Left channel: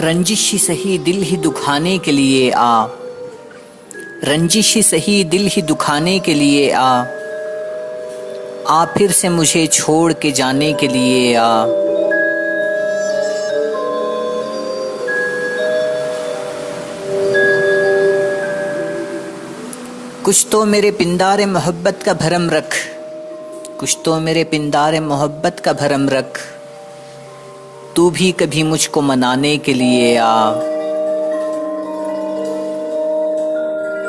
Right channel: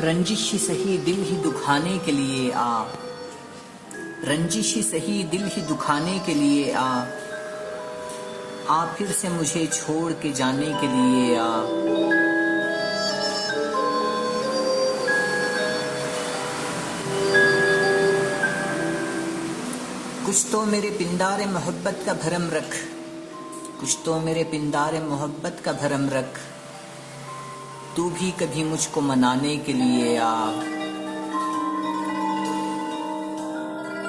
रंजिश ही सही दिल ही दुखाने के लिए आ, रंजिश ही सही दिल ही दुखाने के लिए आ फिर से मुझे छोड़ के जाने के लिए आ। कुछ तो मेरे पिंदारे मोहब्बत का भरम रख, कुछ तो मेरे पिंदारे मोहब्बत का भरम रख, तू भी कभी मुझको मनाने के लिए आ।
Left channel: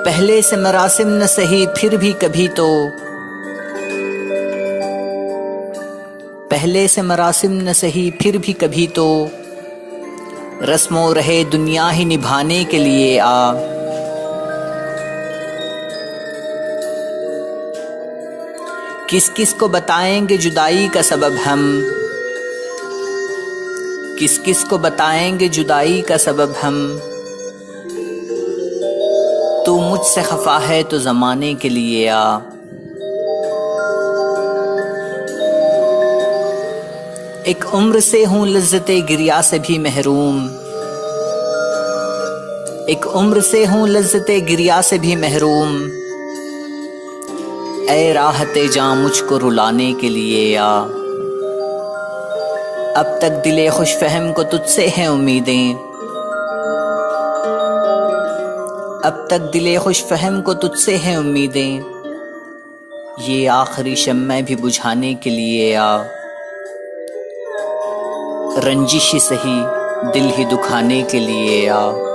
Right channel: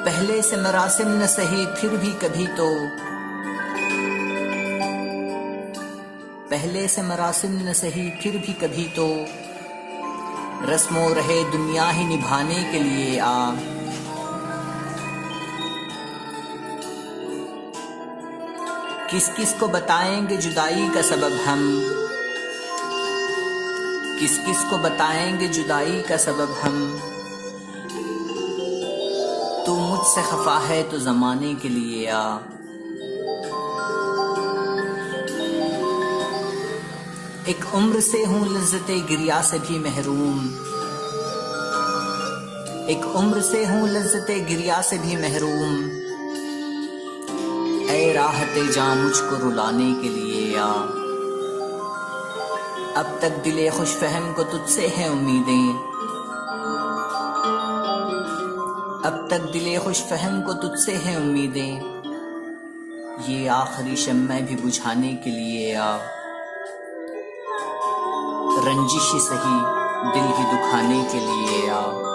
पहले से मरासिम न सही फिर भी कभी तो, पहले से मरासिम न सही फिर भी कभी तो, रस्मों रहे दुनिया ही निभाने के लिए आ। किस किस को बताएंगे जुदाई का सबब हम, किस किस को बताएंगे जुदाई का सबब हम, तू मुझसे खफा है तो ज़माने के लिए आ। एक उम्र से हूँ लज्जते गिरिया से भी महरूम, एक उम्र से हूँ लज्जते गिरिया से भी महरूम, ऐ राहते जां मुझको रुलाने के लिए आ। अब तक दिले खुश फहम को तुझसे हैं उम्मीदें, अब तक दिले खुश फहम को तुझसे हैं उम्मीदें, ये आखिरी शम्मे भी बुझाने के लिए आ। रंजिश ही सही दिल ही दुखाने के लिए आ।